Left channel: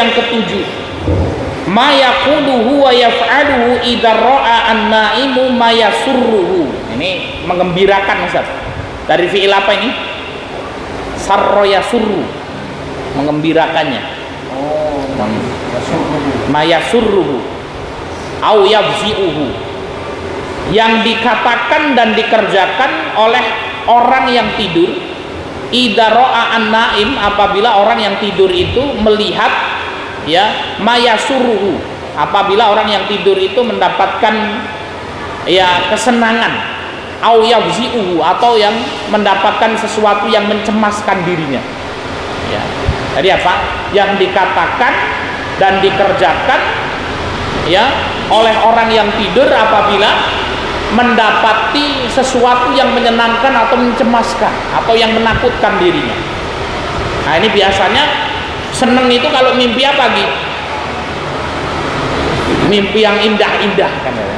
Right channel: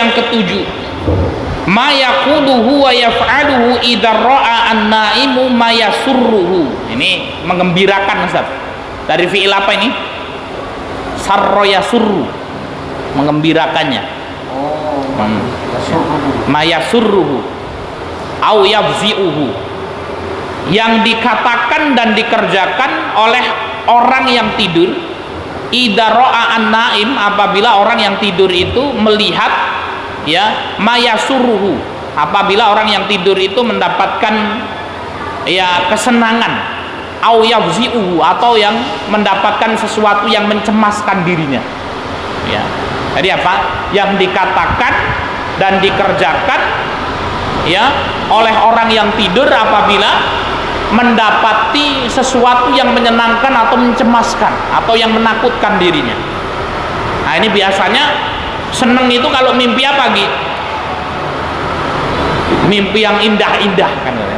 Yang ketujuh, ma yaquluhu wa yaf'aluhu idza ra'a an-na'imu ma yasurruhu. Ini menggembirakan, Ustaz. Dari fi'il apa ini? Sarra yasurru, mengembirakannya. Ma yasurruhu au yafzi'uhu, yang dikatakan dan dikerjakan oleh orang yang tidur. Idza ra'a an-na'im, apabila orang yang tidur itu melihat, ya, mayasuruhu, apabila orang yang tidur itu mendapatkan, ya, kesenangan, au yafzi'uhu, atau yang mendapatkan sesuatu yang mencemaskan dirinya, ya. Jadi apa yang dikatakan dan dikerjakan, ya, oleh orang yang tidur apabila mendapati sesuatu yang menyenangkan atau mencemaskan atau yang menakutkan dirinya. Nah, ini biasanya seneng itu kalau mimpi apa, Gi? Mimpi yang indah-indah kan ya.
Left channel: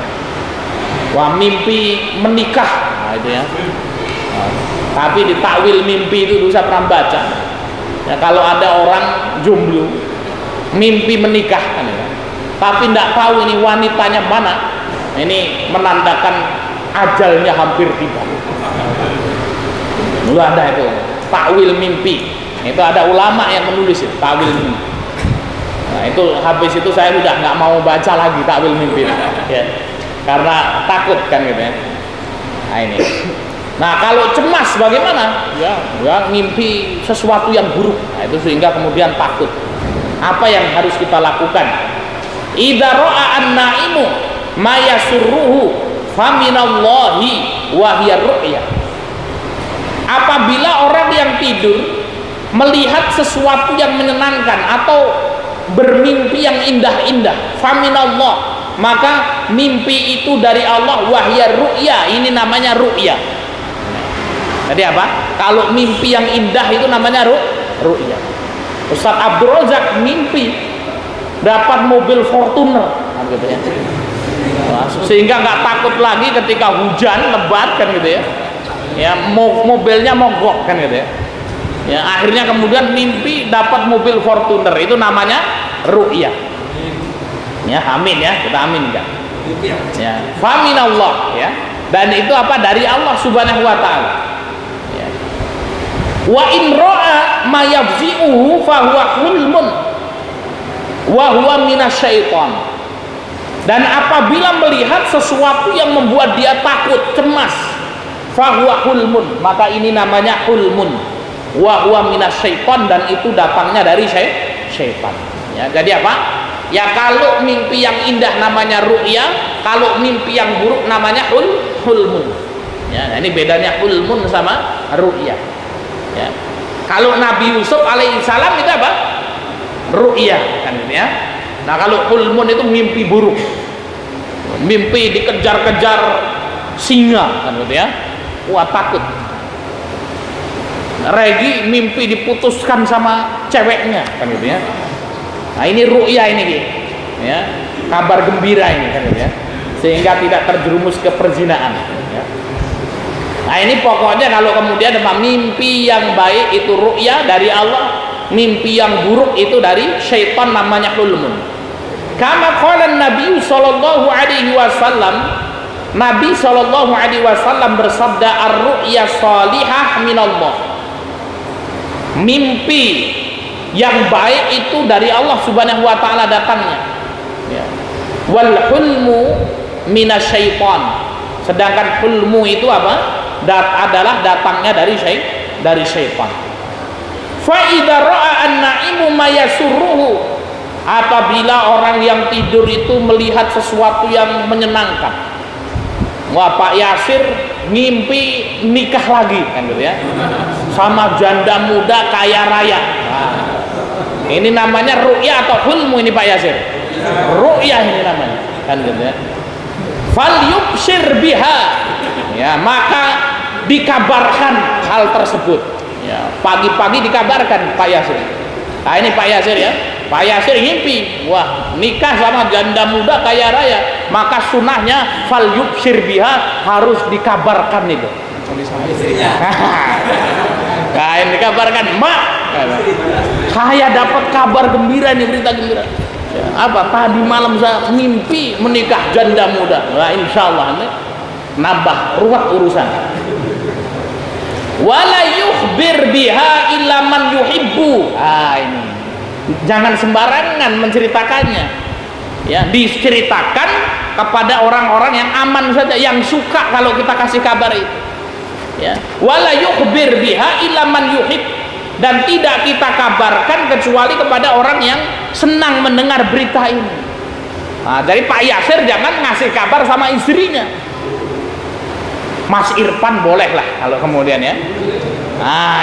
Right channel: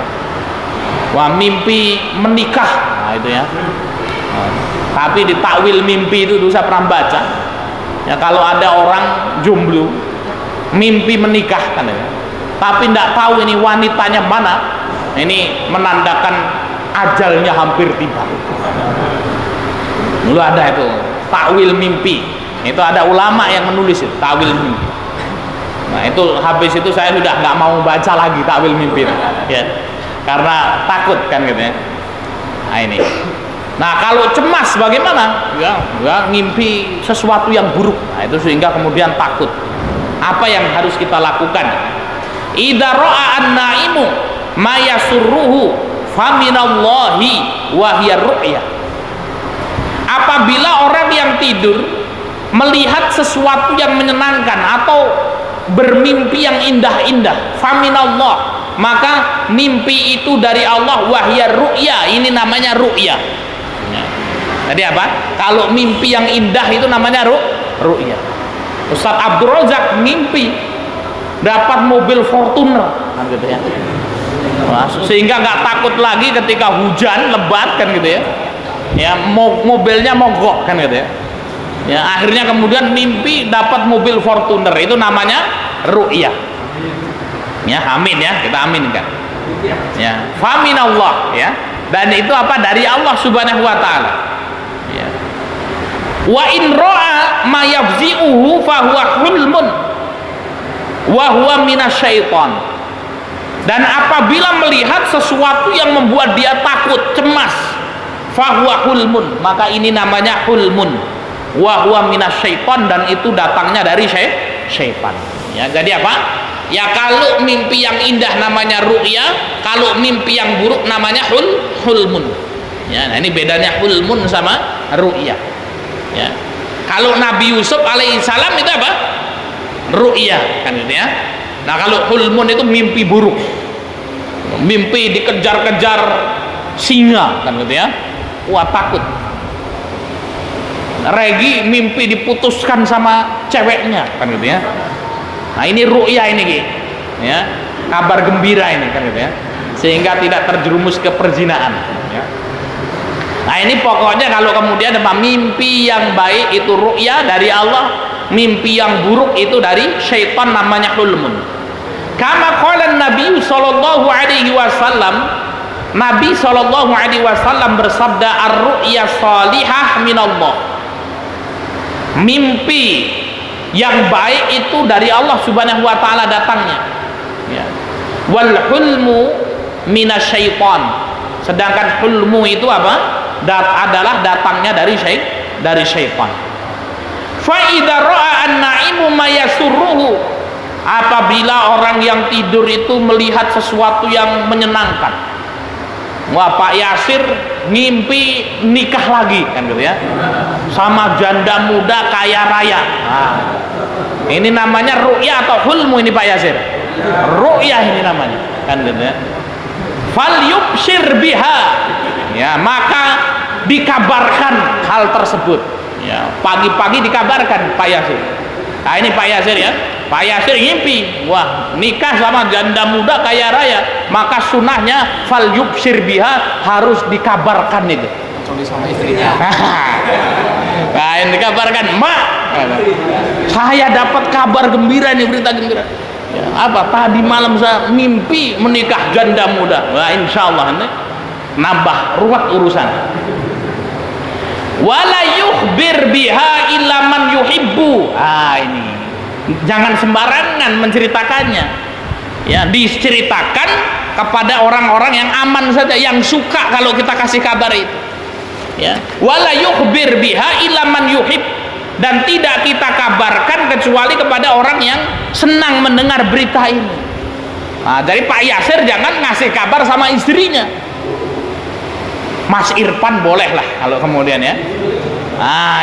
Wah, mimpi menikah, nah, itu ya. Nah, tapi di takwil mimpi itu dosa pernah baca. Ya, kalau ada orang jomblo mimpi menikah kan ya. Tapi tidak tahu ini wanitanya mana. Ini menandakan ajalnya hampir tiba. Dulu ada itu takwil mimpi. Itu ada ulama yang menulis itu, takwil mimpi. Nah, itu habis itu saya sudah nggak mau baca lagi takwil mimpi, ya, karena takut kan gitu ya. Nah ini. Nah kalau cemas bagaimana? Ya mimpi sesuatu yang buruk. Nah, itu sehingga kemudian takut. Apa yang harus kita lakukan? Idza ra'a an-na'imu ma yasurruhu faminallahi wa hiya ru'ya. Apabila orang yang tidur melihat sesuatu yang menyenangkan atau bermimpi yang indah-indah, faminallah, maka mimpi itu dari Allah, wahya ru'ya, ini namanya ru'ya. Jadi apa? Kalau mimpi yang indah itu namanya ru'ya. Ustaz Abdul Razak mimpi dapat mobil Fortuner, gitu ya. Nah, sehingga nggak takut lagi ketika hujan lebat kan gitu ya. Ya, mobilnya mogok kan gitu ya. Ya, akhirnya kemudian mimpi dapat mobil Fortuner, itu namanya ru'yah. Ya, amin ya, kita aminkan. Ya, faminallah ya. Dan itu apa? Dari Allah Subhanahu wa taala. Ya. Wa in ra'a ma yafzi'uhu fa huwa hulmun wa huwa minasyaiton. Dan apabila melihat sesuatu yang membuat dia takut, cemas, fa huwa hulmun, maka ini namanya hulmun. Wa huwa minasyaiton, dan itu datangnya dari syaitan. Ya, jadi apa? Ya kalau mimpi yang indah namanya ru'ya, kalau mimpi yang buruk namanya hulmun. Ya, nah ini bedanya hulmun sama ru'ya. Ya. Kalau Nabi Yusuf alaihissalam itu apa? Ru'ya kan gitu ya. Nah, kalau hulmun itu mimpi buruk. Mimpi dikejar-kejar singa kan gitu ya. Wah, takut. Regi mimpi diputuskan sama ceweknya kan gitu ya. Nah ini ru'ya ini gitu ya, kabar gembira ini kan gitu ya, sehingga tidak terjerumus ke perzinaan ya. Nah ini pokoknya kalau kemudian mimpi yang baik itu ru'ya dari Allah, mimpi yang buruk itu dari syaitan, namanya hulmun. Kama qala Nabi sallallahu alaihi wasallam, Nabi sallallahu alaihi wasallam bersabda, ar-ru'ya salihah minallah. Mimpi yang baik itu dari Allah Subhanahu wa taala datangnya. Ya. Wal hulmu minasyaiton. Sedangkan hulmu itu apa? Adalah datangnya dari syaitan. Fa idza ra'a an-na'imu ma yasurruhu. Apabila orang yang tidur itu melihat sesuatu yang menyenangkan. Wah, Pak Yasir mimpi nikah lagi kan gitu ya, sama janda muda kaya raya. Nah, ini namanya ru'ya atau hulmu ini Pak Yasir? Ru'ya ini namanya kan gitu ya. Fal yubshir biha, ya, maka dikabarkan hal tersebut ya, pagi-pagi dikabarkan Pak Yasir. Nah ini Pak Yasir ya, Pak Yasir ngimpi, wah nikah sama janda muda kaya raya, maka sunahnya fal yubshir biha, harus dikabarkan itu. Nah ini dikabarkan, mak Saya dapat kabar gembira nih, berita gembira. Apa? Tadi malam saya mimpi menikah janda muda. Wah, insya Allah nih nambah ruwet urusan. Wala yukhbir biha illa man yuhibbu. Ini jangan sembarangan menceritakannya. Ya, diceritakan kepada orang-orang yang aman saja, yang suka kalau kita kasih kabar itu. Ya, wala yukhbir biha illa man yuhib, dan tidak kita kabarkan kecuali kepada orang yang senang mendengar berita ini. Jadi Pak Yasir jangan ngasih kabar sama istrinya. Mas Irfan boleh lah kalau kemudian ya.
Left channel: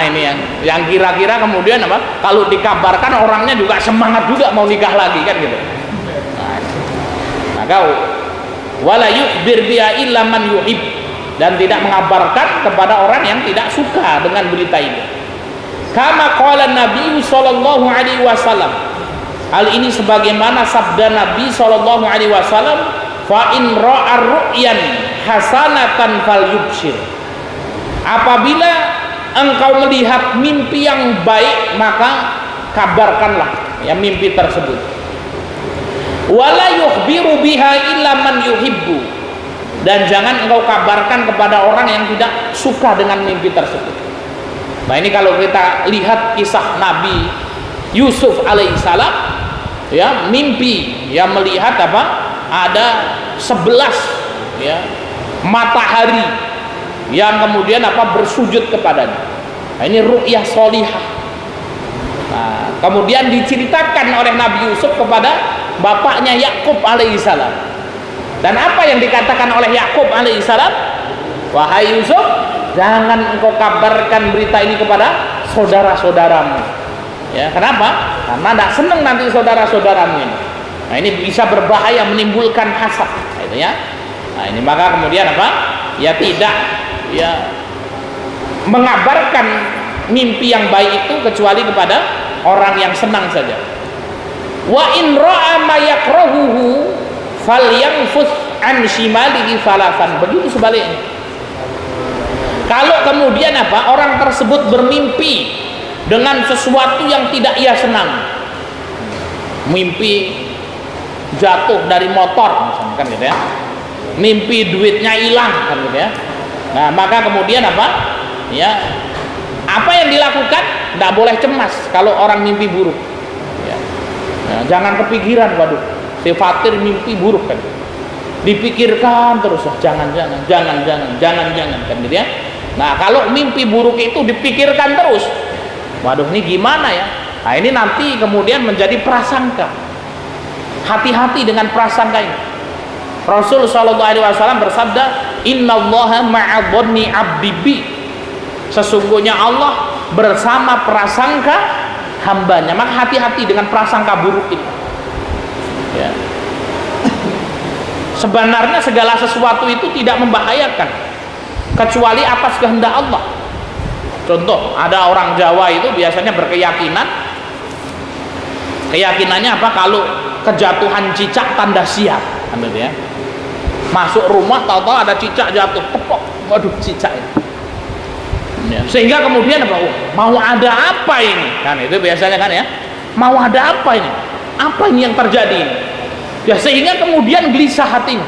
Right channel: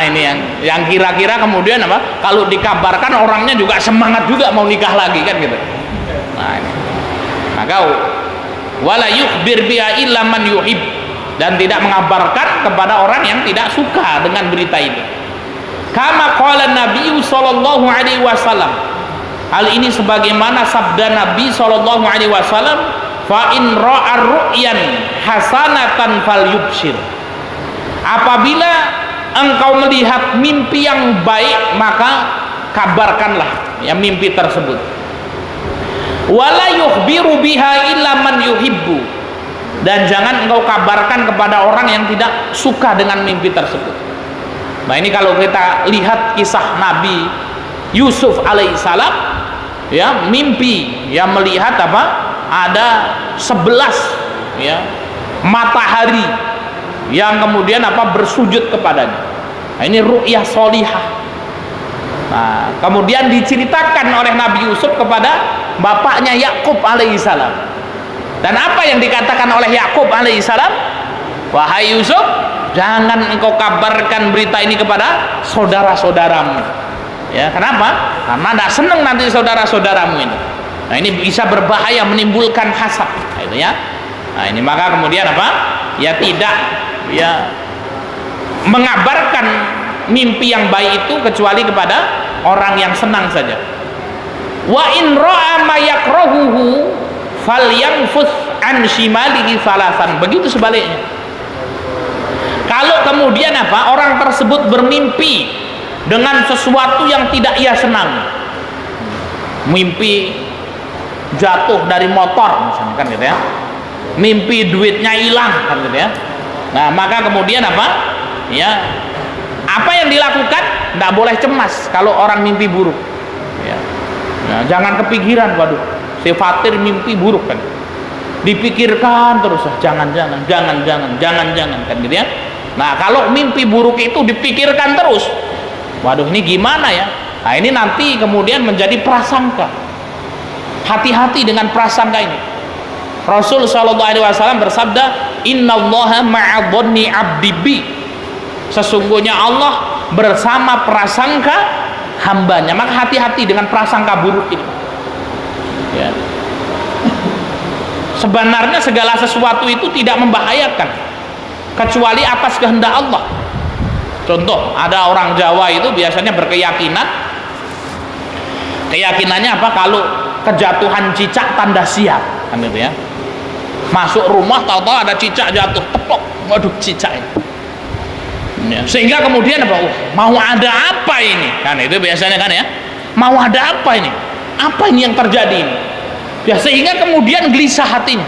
Ini yang kira-kira kemudian apa? Kalau dikabarkan orangnya juga semangat juga mau nikah lagi kan gitu. Maka wala yukhbir biha illa man yuhib, dan tidak mengabarkan kepada orang yang tidak suka dengan berita itu. Kama qala Nabi sallallahu alaihi wasallam. Hal ini sebagaimana sabda Nabi sallallahu alaihi wasallam, fa in ra'a ru'yan hasanatan falyubshir. Apabila engkau melihat mimpi yang baik, maka kabarkanlah ya mimpi tersebut. Wala yukhbiru biha illa man yuhibbu, dan jangan engkau kabarkan kepada orang yang tidak suka dengan mimpi tersebut. Nah, ini kalau kita lihat kisah Nabi Yusuf alaihissalam, ya, mimpi yang melihat apa? Ada 11 ya matahari yang kemudian apa bersujud kepadanya. Nah, ini ru'yah sholihah. Nah, kemudian diceritakan oleh Nabi Yusuf kepada bapaknya Yakub alaihissalam. Dan apa yang dikatakan oleh Yakub alaihissalam? Wahai Yusuf, jangan engkau kabarkan berita ini kepada saudara-saudaramu. Ya, kenapa? Karena tidak senang nanti saudara-saudaramu ini. Nah, ini bisa berbahaya, menimbulkan hasad. Gitu ya. Nah, ini maka kemudian apa? Ya tidak ya mengabarkan mimpi yang baik itu kecuali kepada orang yang senang saja. Wa in ra'a ma yakrahuhu falyanfuth an shimalihi falafan. Begitu sebaliknya. Kalau kemudian apa? Orang tersebut bermimpi dengan sesuatu yang tidak ia senang. Mimpi jatuh dari motor misalkan kan gitu ya. Mimpi duitnya hilang kan gitu ya. Nah, maka kemudian apa? Ya. Apa yang dilakukan? Tidak boleh cemas kalau orang mimpi buruk. Ya. Nah, jangan kepikiran, waduh, si Fatir mimpi buruk kan. Dipikirkan terus, jangan kan gitu ya. Nah, kalau mimpi buruk itu dipikirkan terus, waduh, ini gimana ya? Nah, ini nanti kemudian menjadi prasangka. Hati-hati dengan prasangka ini. Rasul sallallahu alaihi wasallam bersabda, "Innallaha ma'adhanni 'abdi bi." Sesungguhnya Allah bersama prasangka hambanya. Maka hati-hati dengan prasangka buruk ini. Ya. Sebenarnya segala sesuatu itu tidak membahayakan kecuali atas kehendak Allah. Contoh, ada orang Jawa itu biasanya berkeyakinan, keyakinannya apa? Kalau kejatuhan cicak tanda siap, kan gitu ya. Masuk rumah tahu-tahu ada cicak jatuh, tepok, waduh cicak ini. Ya, sehingga kemudian apa? Mau ada apa ini? Kan itu biasanya kan ya. Mau ada apa ini? Apa ini yang terjadi ini? Ya, sehingga kemudian gelisah hatinya.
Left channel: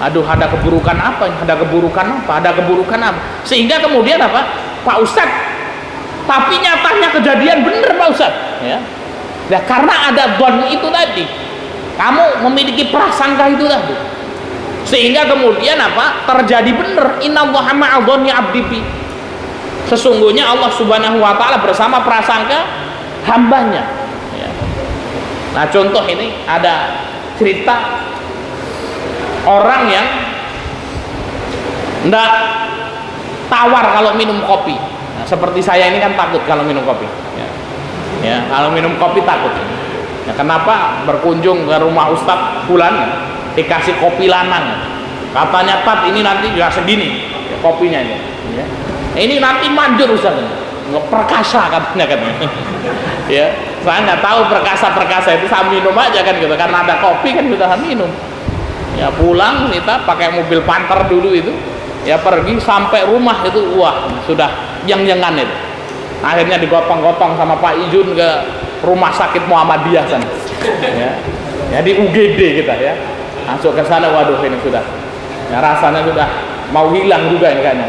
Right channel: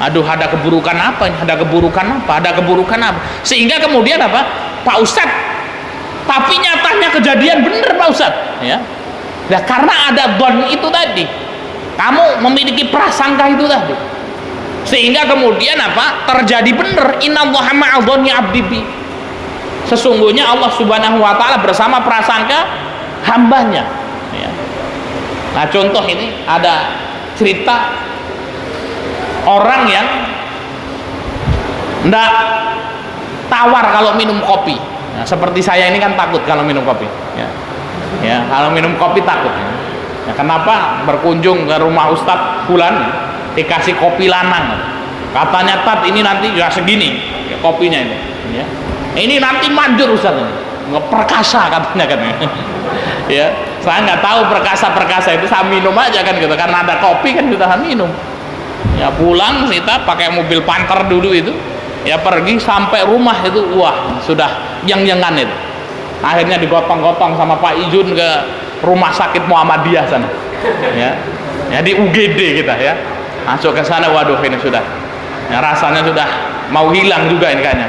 Aduh, ada keburukan apa ini? Ada keburukan apa? Ada keburukan apa? Sehingga kemudian apa? Pak Ustadz, tapi nyatanya kejadian bener Pak Ustadz. Ya. Ya, karena ada don itu tadi. Kamu memiliki prasangka itu tadi. Sehingga kemudian apa? Terjadi bener. Innallaha ma'adhani 'abdi bi. Sesungguhnya Allah Subhanahu wa taala bersama prasangka hambanya. Ya. Nah, contoh ini ada cerita orang yang enggak tawar kalau minum kopi. Nah, seperti saya ini kan takut kalau minum kopi. Ya. Ya, kalau minum kopi takut. Nah, kenapa berkunjung ke rumah Ustadz Fulan dikasih kopi lanang? Katanya Tat ini nanti ya segini ya, kopinya ini. Ya. Ini nanti manjur Ustadz ini. Perkasa katanya kan. Ya, saya nggak tahu perkasa itu, saya minum aja kan gitu. Karena ada kopi kan kita minum. Ya, pulang kita pakai mobil Panther dulu itu. Ya, pergi sampai rumah itu wah sudah yang-yangan itu. Akhirnya digotong-gotong sama Pak Ijun ke rumah sakit Muhammadiyah sana. Ya di UGD kita ya. Masuk ke sana, waduh ini sudah. Ya, rasanya sudah mau hilang juga ini kayaknya.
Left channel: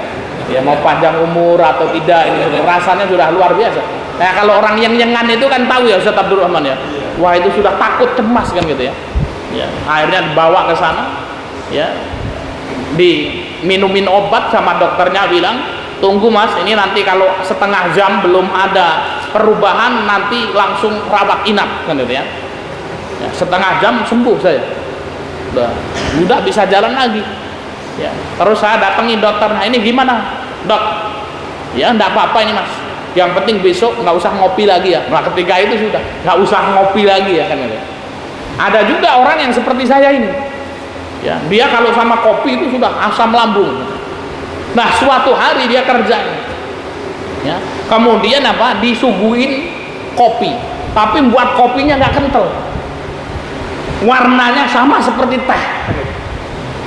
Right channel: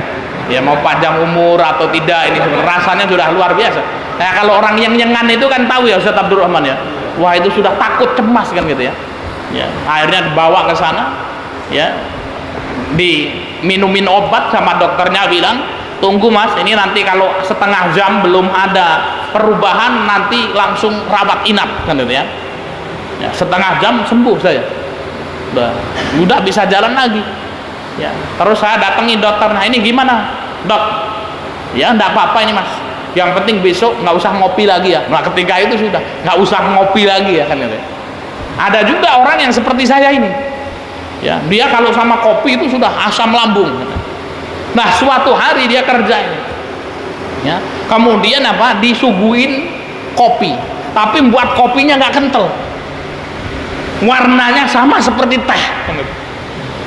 Ya mau panjang umur atau tidak, ini sudah rasanya sudah luar biasa. Nah kalau orang yang nyengan itu kan tahu ya Ustaz Abdurrahman ya. Wah itu sudah takut, cemas kan gitu ya. Ya akhirnya dibawa ke sana, ya diminumin obat sama dokternya bilang, tunggu mas, ini nanti kalau setengah jam belum ada perubahan nanti langsung rawat inap kan gitu ya. Ya setengah jam sembuh saya. Udah bisa jalan lagi. Ya, terus saya datangi dokter, nah ini gimana dok? Ya enggak apa-apa ini mas, yang penting besok nggak usah ngopi lagi ya. Nah ketika itu sudah nggak usah ngopi lagi ya kan gitu. Ada juga orang yang seperti saya ini ya, dia kalau sama kopi itu sudah asam lambung. Nah suatu hari dia kerja ya, kemudian apa, disuguhin kopi tapi buat kopinya nggak kental, warnanya sama seperti teh.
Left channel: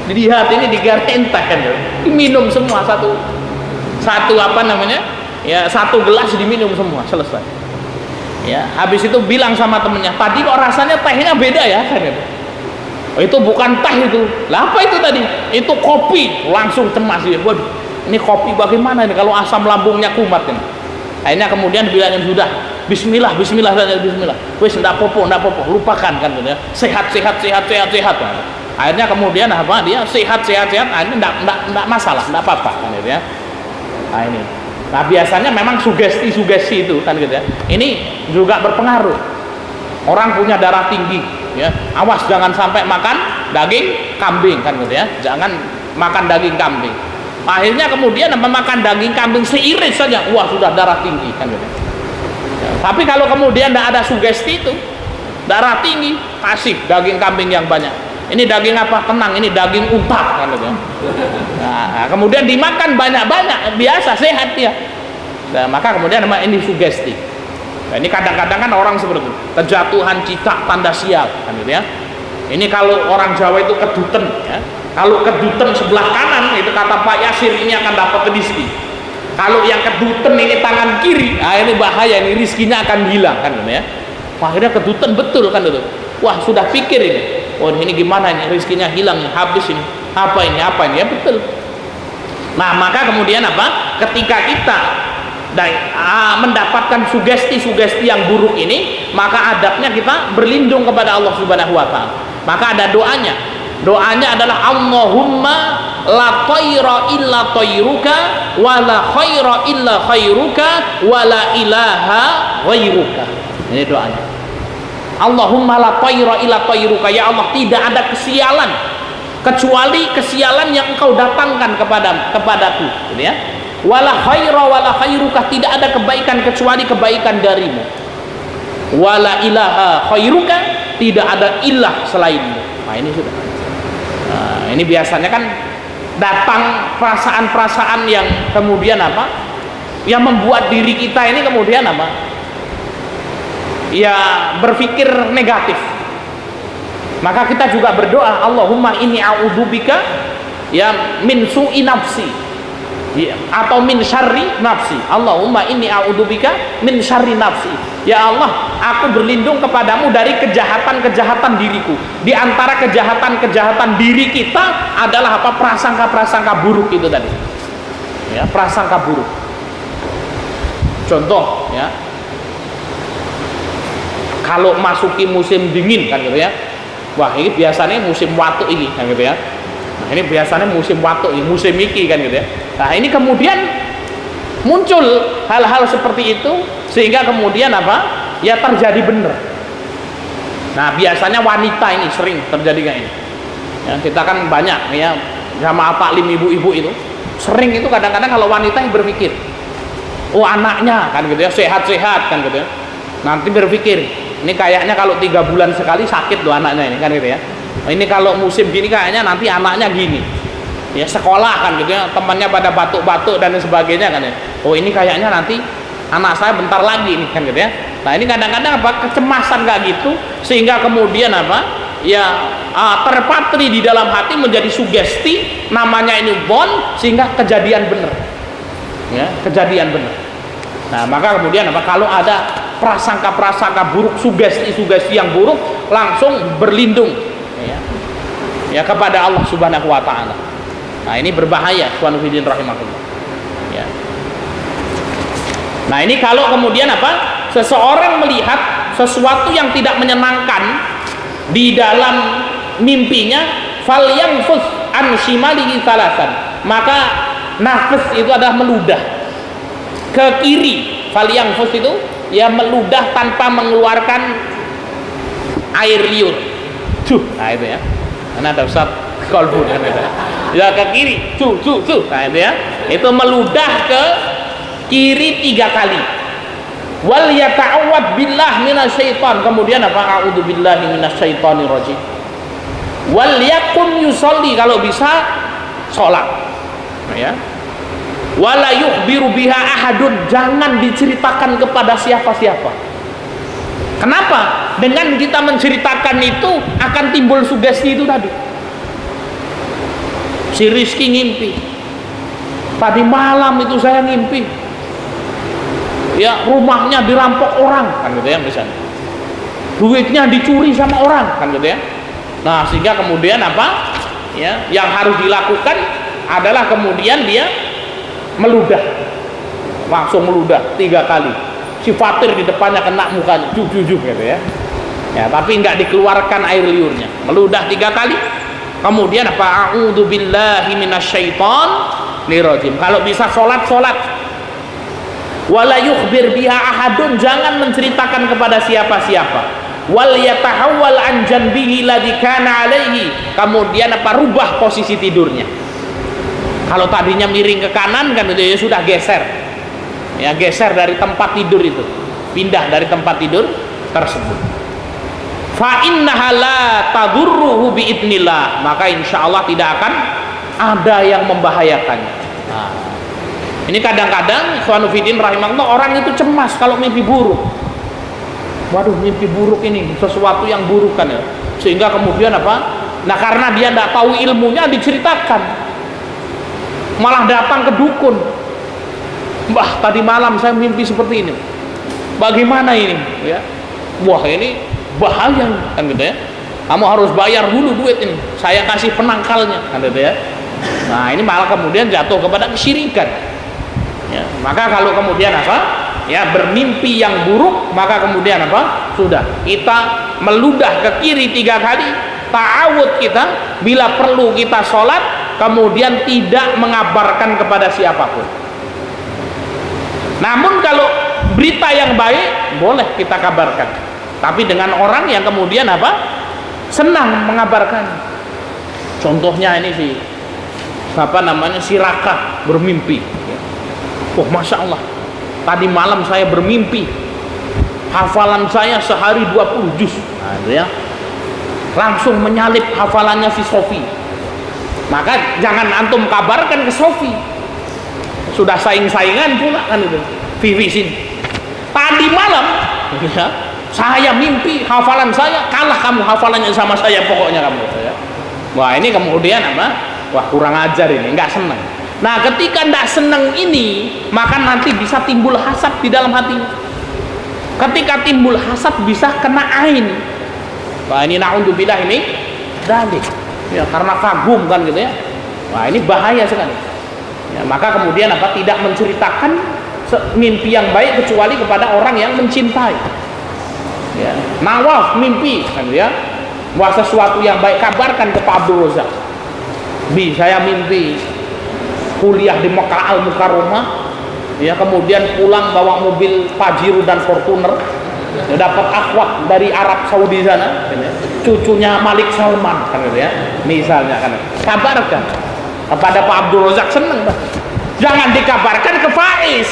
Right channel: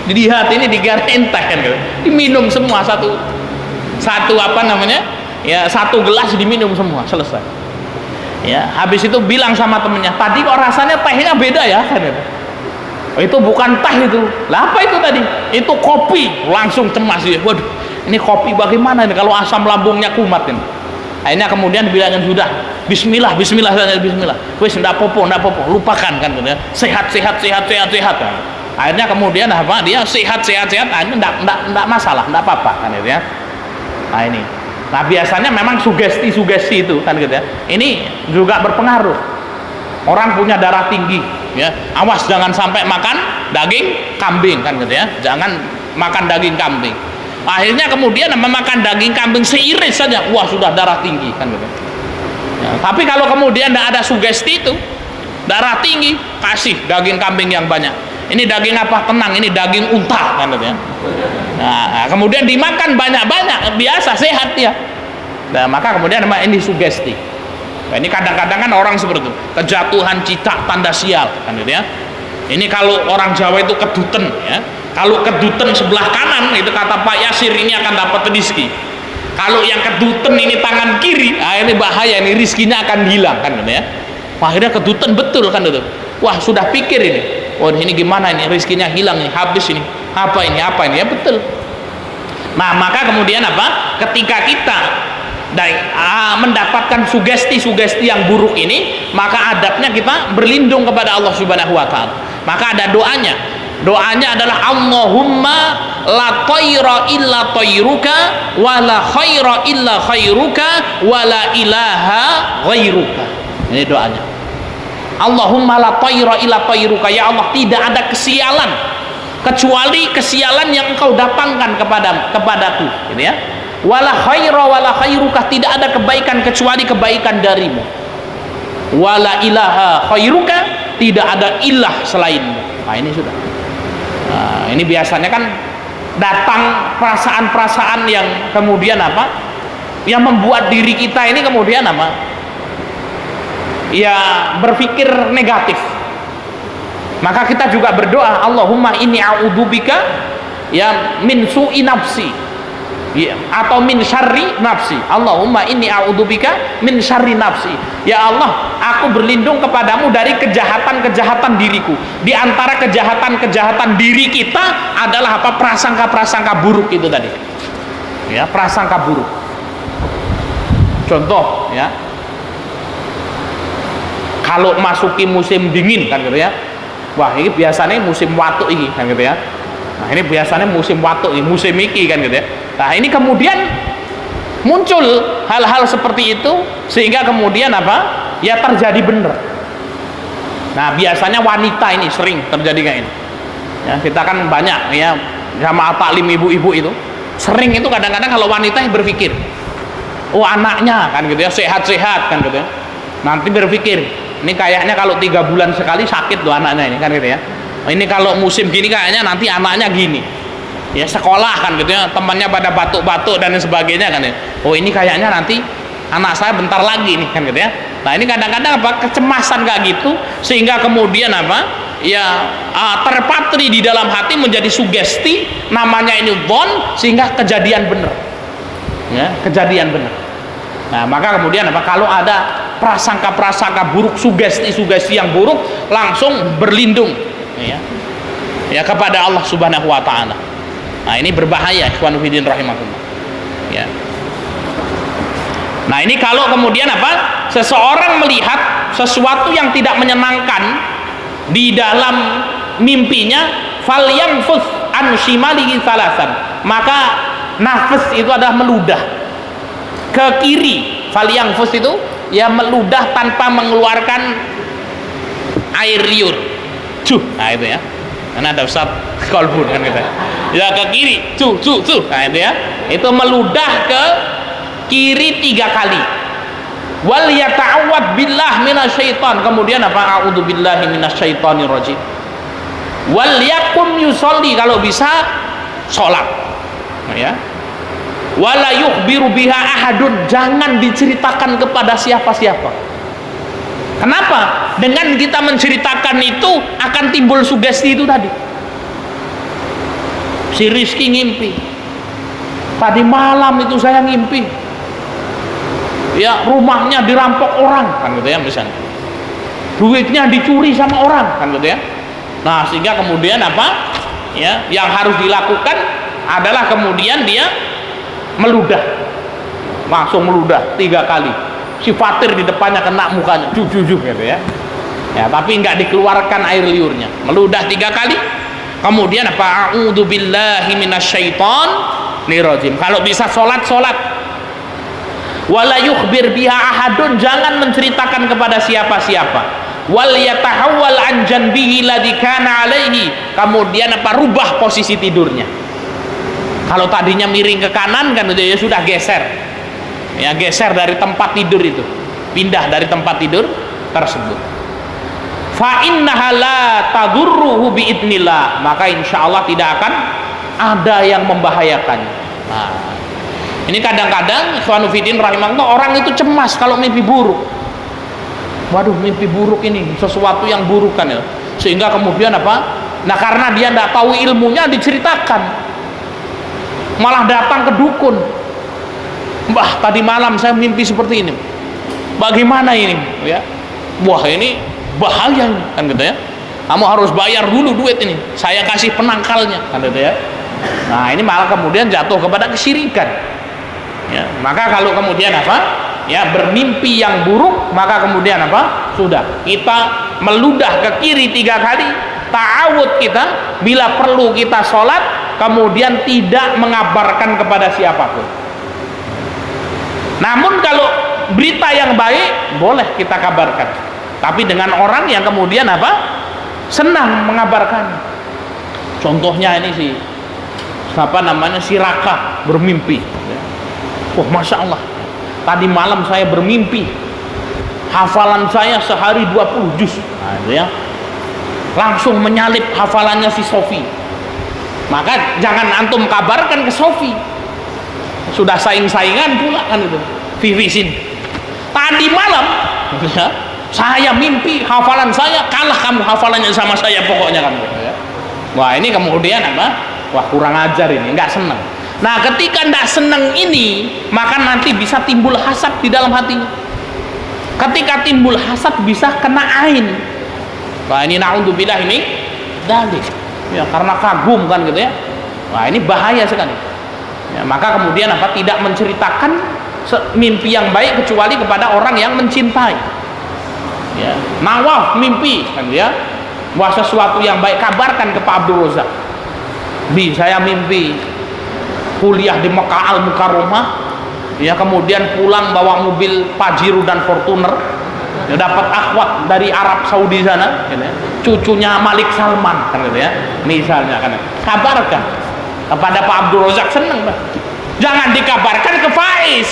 Dilihat ini digarin teh kan, diminum semua satu apa namanya ya, satu gelas diminum semua, selesai ya. Habis itu bilang sama temennya, tadi kok rasanya tehnya beda ya kan? Itu bukan teh itu. Lah apa itu tadi? Itu kopi. Langsung cemas dia. Waduh, ini kopi bagaimana ini kalau asam lambungnya kumat kan? Akhirnya kemudian bilangnya sudah, bismillah, bismillah, bismillah. Wis ndak popo, lupakan kan ya. Sehat. Akhirnya kemudian apa? Dia sehat. Akhirnya ndak masalah, ndak apa-apa kan gitu ya. Nah ini. Nah biasanya memang sugesti itu kan gitu ya. Ini juga berpengaruh. Orang punya darah tinggi ya, awas jangan sampai makan daging kambing kan gitu ya. Jangan makan daging kambing. Akhirnya kemudian memakan daging kambing seiris saja, wah sudah darah tinggi kan gitu. Ya, tapi kalau kemudian tidak ada sugesti itu, darah tinggi, kasih daging kambing yang banyak. Ini daging apa? Tenang, ini daging unta kan gitu ya. Nah, kemudian dimakan banyak-banyak, biasa sehat ya. Nah, maka kemudian ini sugesti. Nah, ini kadang-kadang kan orang seperti itu, kejatuhan cicak tanda sial kan gitu ya. Ini kalau orang Jawa itu keduten ya. Kalau keduten sebelah kanan itu kata Pak Yasir ini akan dapat rezeki. Kalau yang keduten ini tangan kiri, nah ini bahaya, ini rizkinya akan hilang kan gitu ya. Akhirnya keduten betul kan itu. Wah sudah pikir ini, wah ini gimana ini, rizkinya hilang ini, habis ini, apa ini ya betul. Nah maka kemudian apa? Ketika kita mendapatkan sugesti-sugesti yang buruk ini, maka adabnya kita berlindung kepada Allah Subhanahu wa taala. Maka ada doanya. Doanya adalah Allahumma la tayra illa tayruka wa la khaira illa khairuka wa la ilaha ghairuka. Ini doanya. Allahumma la tayra illa tayruka, ya Allah tidak ada kesialan kecuali kesialan yang engkau datangkan kepadaku gitu ya. Wala khaira wala khairuka, tidak ada kebaikan kecuali kebaikan darimu. Wala ilaha khairuka, tidak ada ilah selainmu. Nah ini sudah. Nah ini biasanya kan datang perasaan-perasaan yang kemudian apa? Yang membuat diri kita ini kemudian apa? Ya berpikir negatif. Maka kita juga berdoa, Allahumma inni a'udzubika ya min su'i nafsi. Ya, atau min syarri nafsi. Allahumma inni a'udzubika min syarri nafsi. Ya Allah, aku berlindung kepadamu dari kejahatan-kejahatan diriku. Di antara kejahatan-kejahatan diri kita adalah apa? Prasangka-prasangka buruk itu tadi. Ya, prasangka buruk. Contoh ya. Kalau masuki musim dingin kan gitu ya. Wah, ini biasanya musim watuk ini kan gitu ya. Nah, ini biasanya musim watuk ini, musim iki kan gitu ya. Nah ini kemudian muncul hal-hal seperti itu sehingga kemudian apa ya terjadi benar. Nah biasanya wanita ini sering terjadi kayak ini ya, kita kan banyak ya sama taklim ibu-ibu itu sering itu kadang-kadang kalau wanita yang berpikir, oh anaknya kan gitu ya sehat-sehat kan gitu, nanti berpikir ini kayaknya kalau 3 bulan sekali sakit loh anaknya ini kan gitu ya. Ini kalau musim gini kayaknya nanti anaknya gini. Ya sekolah kan gitu ya, temannya pada batuk-batuk dan sebagainya kan ya. Oh ini kayaknya nanti anak saya bentar lagi nih kan gitu ya. Nah ini kadang-kadang apa kecemasan kayak gitu sehingga kemudian apa ya terpatri di dalam hati menjadi sugesti, namanya ini dhon, sehingga kejadian benar ya, kejadian benar. Nah, maka kemudian apa? Kalau ada prasangka-prasangka buruk, sugesti-sugesti yang buruk, langsung berlindung ya kepada Allah Subhanahu wa taala. Nah, ini berbahaya, ikhwan fillah rahimakumullah. Ya. Nah, ini kalau kemudian apa? Seseorang melihat sesuatu yang tidak menyenangkan di dalam mimpinya, falyanfus an shimalihi salasan. Maka nafas itu adalah meludah ke kiri. Falyanfus itu ya meludah tanpa mengeluarkan air liur. Nah itu ya. Mana ada Ustaz kolbu kan itu. Ya ke kiri. Nah itu ya. Itu meludah ke kiri 3 kali. Wal yata'awwad billah minasyaiton. Kemudian apa? A'udzubillahi minasyaitonir rajim. Wal yakum yusolli, kalau bisa sholat ya. Wala yukhbiru biha ahadun, jangan diceritakan kepada siapa-siapa. Kenapa? Dengan kita menceritakan itu akan timbul sugesti itu tadi. Si Rizky ngimpi, tadi malam itu saya ngimpi ya rumahnya dirampok orang, kan gitu ya, misalnya duitnya dicuri sama orang, kan gitu ya. Nah, sehingga kemudian apa? Ya, yang harus dilakukan adalah kemudian dia meludah. Langsung meludah 3 kali. Si Fatir di depannya kena mukanya, gitu ya. Ya, tapi enggak dikeluarkan air liurnya. Meludah 3 kali. Kemudian apa? A'udzubillahi minasyaitonir rajim. Kalau bisa salat. Wala yukhbir biha ahadun, jangan menceritakan kepada siapa-siapa. Wal yatahawwal an janbihi ladzi kana alaihi, kemudian apa? Rubah posisi tidurnya. Kalau tadinya miring ke kanan kan itu ya sudah geser. Ya, geser dari tempat tidur itu. Pindah dari tempat tidur tersebut. Fa innaha la tadurruhu bi idznillah, maka insyaallah tidak akan ada yang membahayakannya. Nah, ini kadang-kadang ikhwanu fiddin rahimahullah, orang itu cemas kalau mimpi buruk. Waduh, mimpi buruk ini sesuatu yang buruk kan ya, sehingga kemudian apa? Nah, karena dia tidak tahu ilmunya, diceritakan, malah datang ke dukun. Mbah, tadi malam saya mimpi seperti ini, bagaimana ini ya? Wah, ini bahaya kan gitu ya, kamu harus bayar dulu duit ini, saya kasih penangkalnya kan gitu ya. Nah, ini malah kemudian jatuh kepada kesyirikan ya. Maka kalau kemudian apa ya, bermimpi yang buruk, maka kemudian apa? Sudah, kita meludah ke kiri 3 kali, ta'awud kita, bila perlu kita sholat, kemudian tidak mengabarkan kepada siapapun. Namun kalau berita yang baik, boleh kita kabarkan, tapi dengan orang yang kemudian apa? Senang mengabarkan. Contohnya ini si Raka bermimpi. Wah, Masya Allah, tadi malam saya bermimpi hafalan saya sehari 20 juz. Nah, ya. Langsung menyalip hafalannya si Sofi. Maka jangan antum kabarkan ke Sofi. Sudah saing-saingan pula kan itu. Vivi sini. Tadi malam ya, saya mimpi hafalan saya kalah kamu hafalannya sama saya, pokoknya kamu ya. Wah, ini kemudian apa? Wah, kurang ajar ini, enggak senang. Nah, ketika tidak senang ini, maka nanti bisa timbul hasad di dalam hatinya. Ketika timbul hasad bisa kena ain. Wah, ini na'udzubillah ini dalik. Ya, karena kagum kan gitu ya. Wah, ini bahaya sekali. Ya, maka kemudian apa? Tidak menceritakan mimpi yang baik kecuali kepada orang yang mencintai. Ya, Nawaf mimpi kan ya. Wah, sesuatu yang baik kabarkan ke Pak Abdul Razak. Saya mimpi kuliah di Mekah Al-Mukarramah, ya, kemudian pulang bawa mobil Pajero dan Fortuner, ya, dapat akhwat dari Arab Saudi sana, ya, cucunya Malik Salman kan ya, misalnya kan, kabarkan kepada Pak Abdul Razak, senang Pak. Jangan dikabarkan ke Faiz,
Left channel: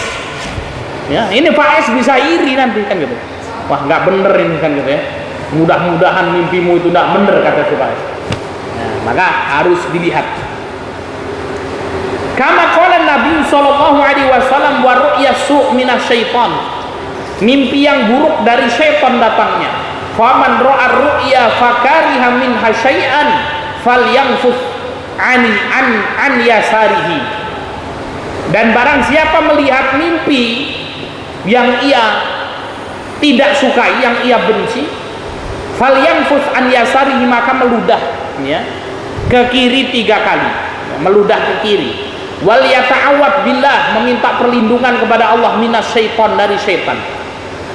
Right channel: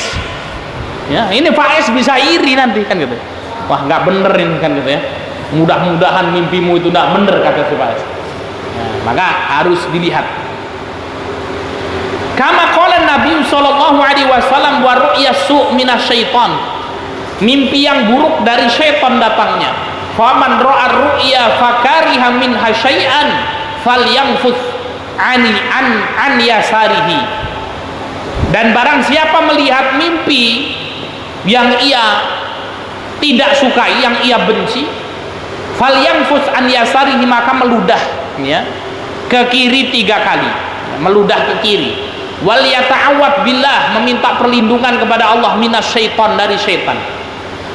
ya, ini Faiz bisa iri nanti kan gitu. Wah, nggak bener ini kan gitu ya, mudah-mudahan mimpimu itu nggak bener, kata si Faiz. Nah, maka harus dilihat. Kama qala Nabi sallallahu alaihi wasallam, wa ru'ya su' minasyaiton, mimpi yang buruk dari syaitan datangnya. Faman ra'a ru'ya fakariha minha syai'an falyanfus an yasarihi. Dan barang siapa melihat mimpi yang ia tidak sukai, yang ia benci, falyanfus an yasarihi, maka meludah ya ke kiri 3 kali, meludah ke kiri. Wal yata'awwad billah, meminta perlindungan kepada Allah minasyaiton, dari syaitan.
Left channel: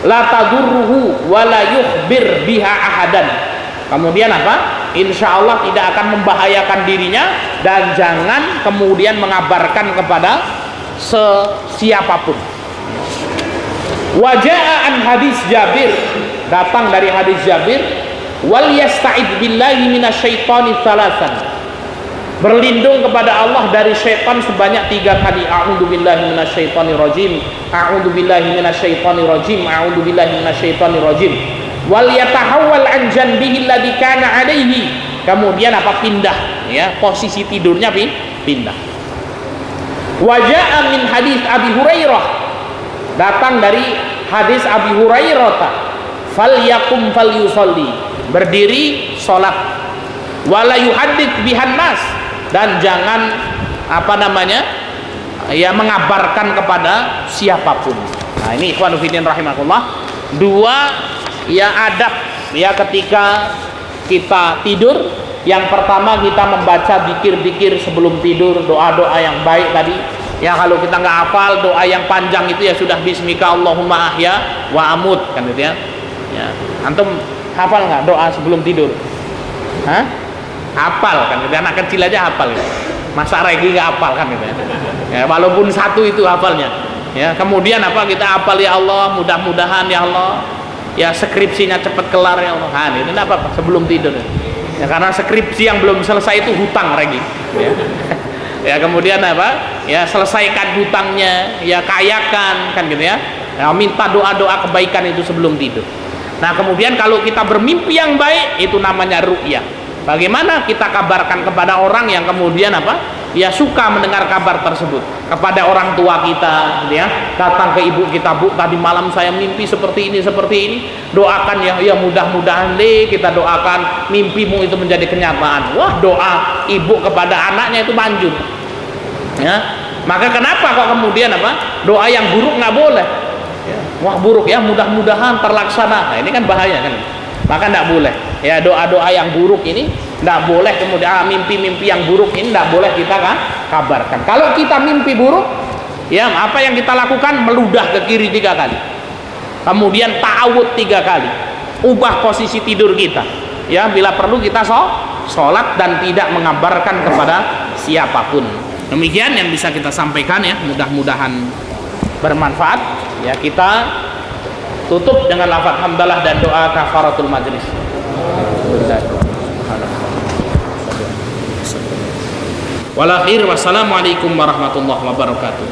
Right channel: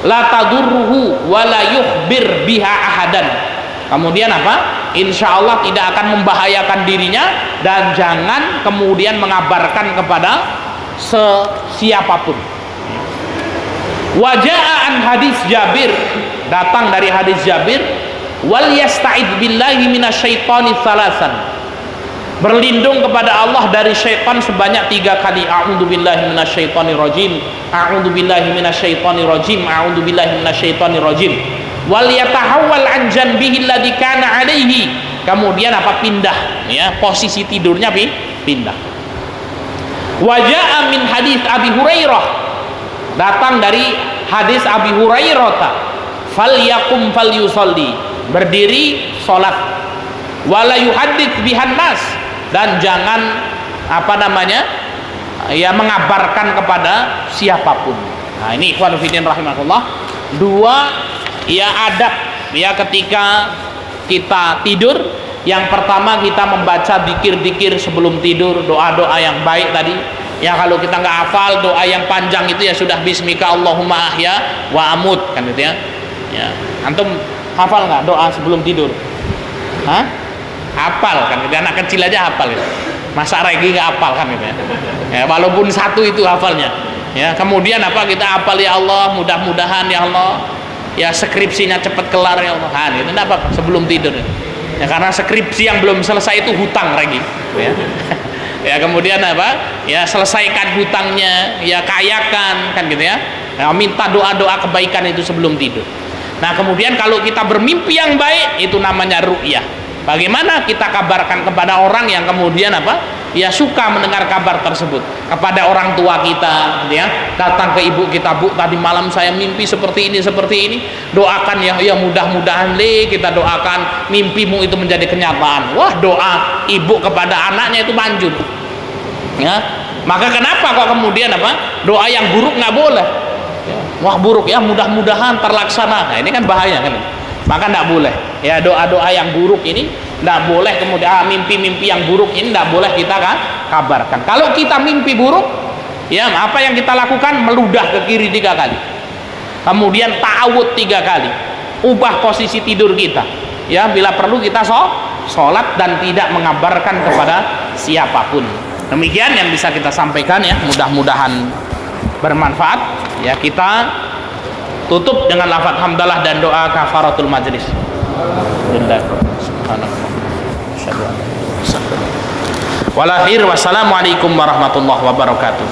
La tadurruhu wa la yukhbir biha ahadan. Kemudian apa? Insya Allah tidak akan membahayakan dirinya, dan jangan kemudian mengabarkan kepada siapapun. Waja'an hadis Jabir, datang dari hadis Jabir, wal yasta'id billahi minasyaitani tsalasan, berlindung kepada Allah dari syaitan sebanyak 3 kali. A'udzubillahi minasyaitonir rajim, a'udzubillahi minasyaitonir rajim, a'udzubillahi minasyaitonir rajim. Wal yatahawwal an janbihi alladhi kana alaihi, kemudian apa? Pindah ya, posisi tidurnya pindah. Waja'a min hadis Abi Hurairah, datang dari hadis Abi Hurairah, falyakum falyusalli, berdiri salat, wala yuhaddits bihan nas, dan jangan ya mengabarkan kepada siapapun. Nah, ini ikhwan fillah rahimakumullah, 2 ya adab ya ketika kita tidur. Yang pertama, kita membaca zikir-zikir sebelum tidur, doa-doa yang baik tadi ya. Kalau kita nggak hafal doa yang panjang itu ya sudah, bismika Allahumma ahya wa amut, kan gitu ya. Antum hafal nggak doa sebelum tidur? Hah? Hafal kan? Anak kecil aja hafal ya. Masa Regi nggak hafal kan gitu ya. Walaupun 1 itu hafalnya ya. Kemudian apa, kita hafal, ya Allah mudah-mudahan ya Allah ya skripsinya cepat kelar ya Allah. Itu apa sebelum tidur ya, karena skripsi yang belum selesai itu hutang Regi ya. Ya kemudian apa ya, selesaikan hutangnya ya, kayakan kan gitu ya. Minta doa-doa kebaikan itu sebelum tidur. Nah kemudian kalau kita bermimpi yang baik, itu namanya ru'yah. Bagaimana kita kabarkan kepada orang yang kemudian apa ya, suka mendengar kabar tersebut, kepada orang tua kita gitu ya. Datang ke ibu kita, Bu tadi malam saya mimpi seperti ini, doakan ya mudah-mudahan kita doakan mimpimu itu menjadi kenyataan. Wah, doa ibu kepada anaknya itu manjur ya. Maka kenapa kok kemudian apa, doa yang buruk nggak boleh ya. Wah buruk ya, mudah-mudahan terlaksana. Nah ini kan bahaya kan, maka nggak boleh ya, doa-doa yang buruk ini nggak boleh. Kemudian mimpi-mimpi yang buruk ini nggak boleh kita kabarkan. Kalau kita mimpi buruk ya, apa yang kita lakukan? Meludah ke kiri 3 kali, kemudian ta'awud 3 kali, ubah posisi tidur kita ya. Bila perlu kita sholat dan tidak mengabarkan kepada siapapun. Demikian yang bisa kita sampaikan ya, mudah-mudahan bermanfaat ya. Kita tutup dengan lafaz hamdalah dan doa kafaratul majlis. Wal akhir, wassalamualaikum warahmatullahi wabarakatuh.